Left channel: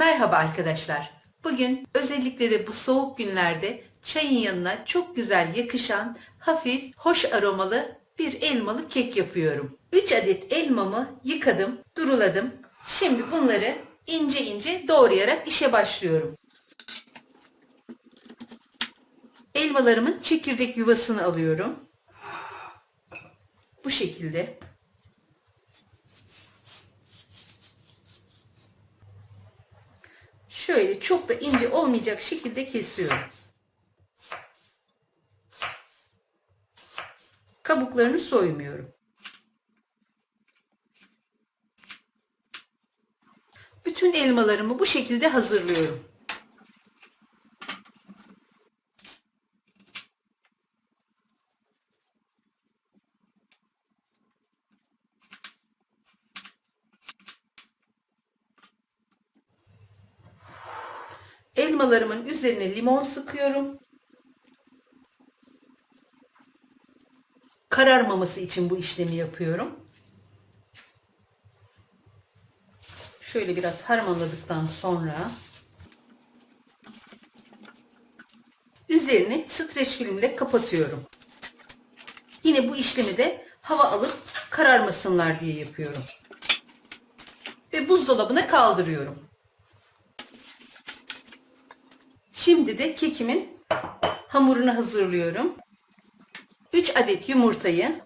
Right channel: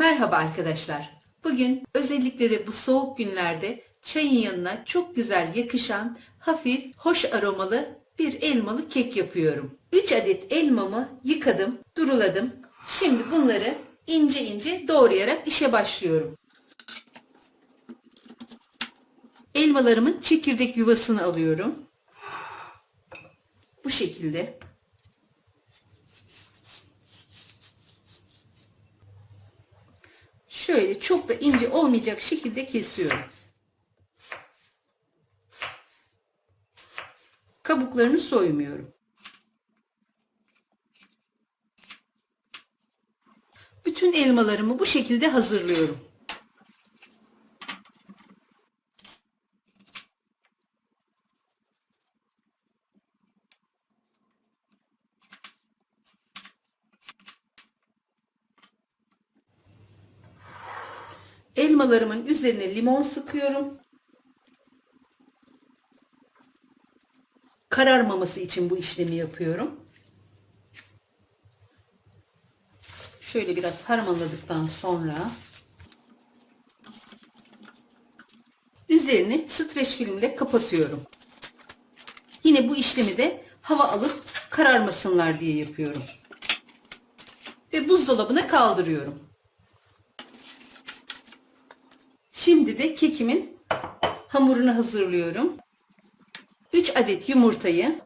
Merhaba arkadaşlar. Bugün özellikle de bu soğuk günlerde çayın yanına çok güzel yakışan, hafif, hoş aromalı bir elmalı kek yapıyorum. 3 adet elmamı yıkadım, duruladım. Şimdi bunları ince ince doğrayarak işe başlıyorum. Elmalarımın çekirdek yuvasını alıyorum. Bu şekilde. Şöyle çok da ince olmayacak şekilde kesiyorum. Kabuklarını soymuyorum. Bütün elmalarımı bu şekilde hazırlıyorum. Elmalarımın üzerine limon sıkıyorum. Kararmaması için bu işlemi yapıyorum. Şöyle biraz harmanladıktan sonra üzerini streç filmle kapatıyorum. Yine bu işlemi de hava alıp kararmasınlar diye yapıyorum. Ve buzdolabına kaldırıyorum. Şimdi de kekimin hamurunu hazırlıyorum. 3 adet yumurtayı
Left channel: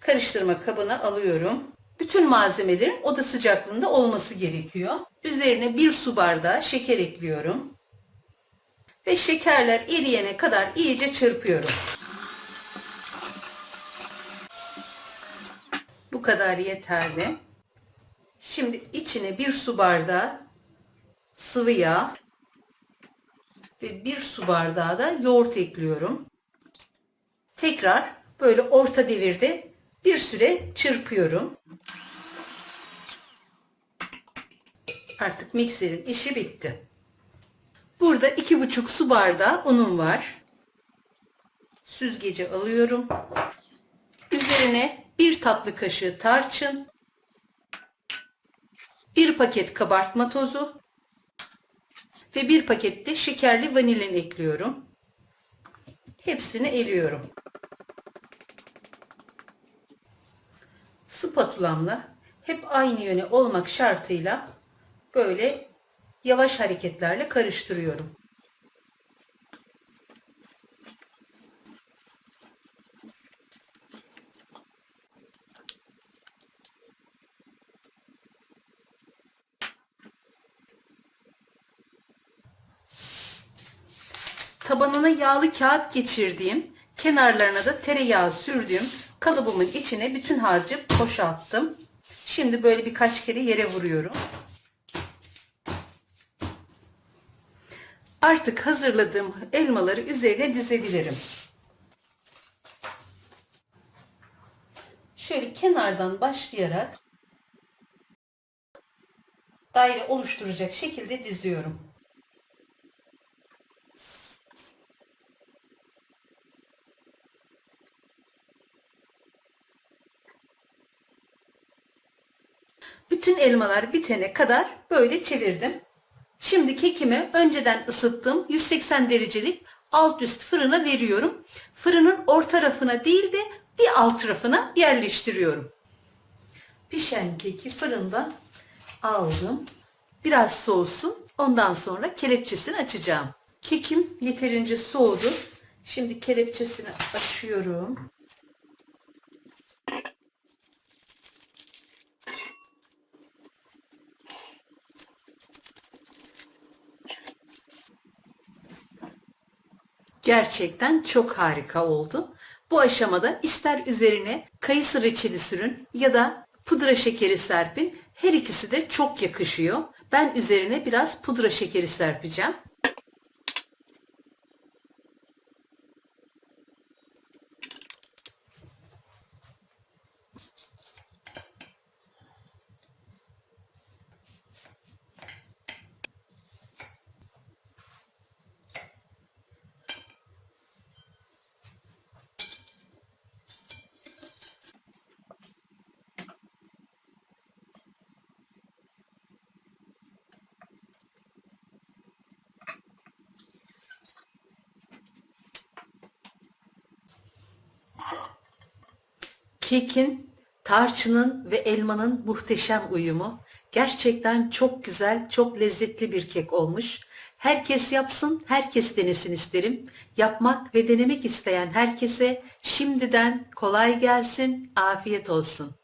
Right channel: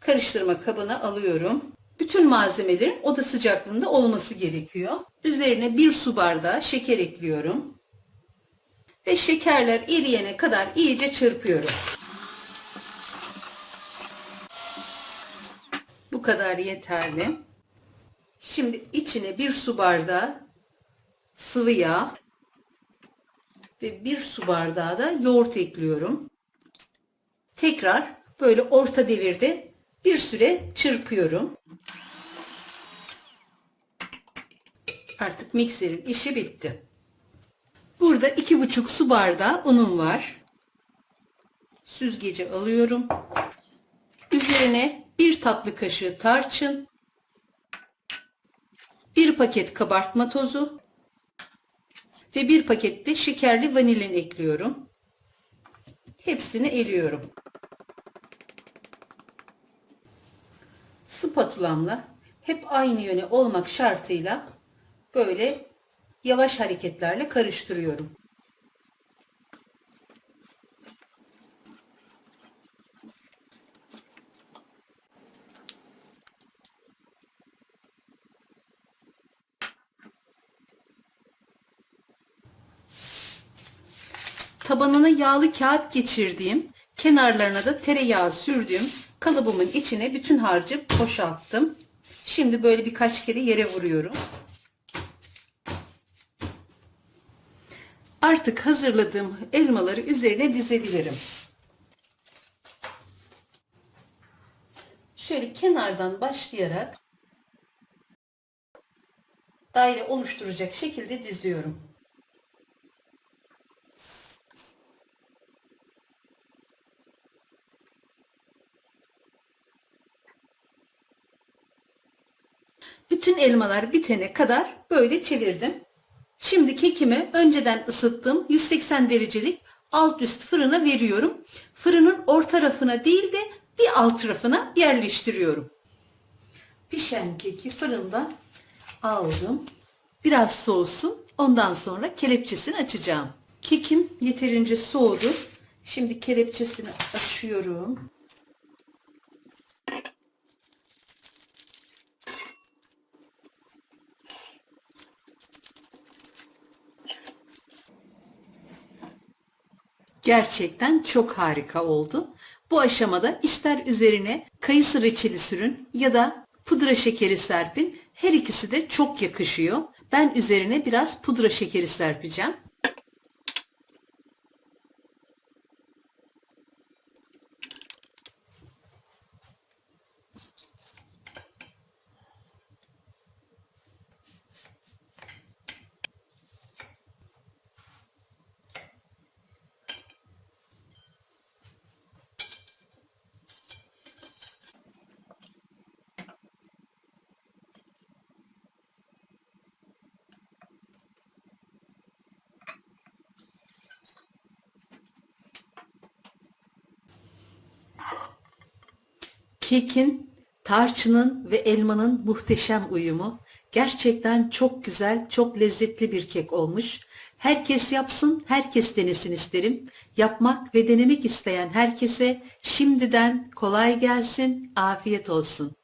karıştırma kabına alıyorum. Bütün malzemelerin oda sıcaklığında olması gerekiyor. Üzerine 1 su bardağı şeker ekliyorum. Ve şekerler eriyene kadar iyice çırpıyorum. Bu kadar yeterli. Şimdi içine 1 su bardağı sıvı yağ ve 1 su bardağı da yoğurt ekliyorum. Tekrar böyle orta devirde bir süre çırpıyorum. Artık mikserin işi bitti. Burada 2,5 su bardağı unum var. Süzgeci alıyorum. Üzerine 1 tatlı kaşığı tarçın, 1 paket kabartma tozu ve 1 paket de şekerli vanilin ekliyorum. Hepsini eliyorum. Spatulamla hep aynı yöne olmak şartıyla böyle yavaş hareketlerle karıştırıyorum. Tabanına yağlı kağıt geçirdiğim, kenarlarına da tereyağı sürdüğüm kalıbımın içine bütün harcı boşalttım. Şimdi böyle birkaç kere yere vuruyorum. Artık hazırladığım elmaları üzerine dizebilirim. Şöyle kenardan başlayarak daire oluşturacak şekilde diziyorum. Bütün elmalar bitene kadar böyle çevirdim. Şimdi kekimi önceden ısıttım 180 derecelik alt üst fırına veriyorum. Fırının orta tarafına değil de bir alt tarafına yerleştiriyorum. Pişen keki fırından aldım. Biraz soğusun. Ondan sonra kelepçesini açacağım. Kekim yeterince soğudu. Şimdi kelepçesini açıyorum. Gerçekten çok harika oldu. Bu aşamada ister üzerine kayısı reçeli sürün ya da pudra şekeri serpin. Her ikisi de çok yakışıyor. Ben üzerine biraz pudra şekeri serpeceğim. Kekin, tarçının ve elmanın muhteşem uyumu. Gerçekten çok güzel, çok lezzetli bir kek olmuş. Herkes yapsın, herkes denesin isterim. Yapmak ve denemek isteyen herkese şimdiden kolay gelsin, afiyet olsun.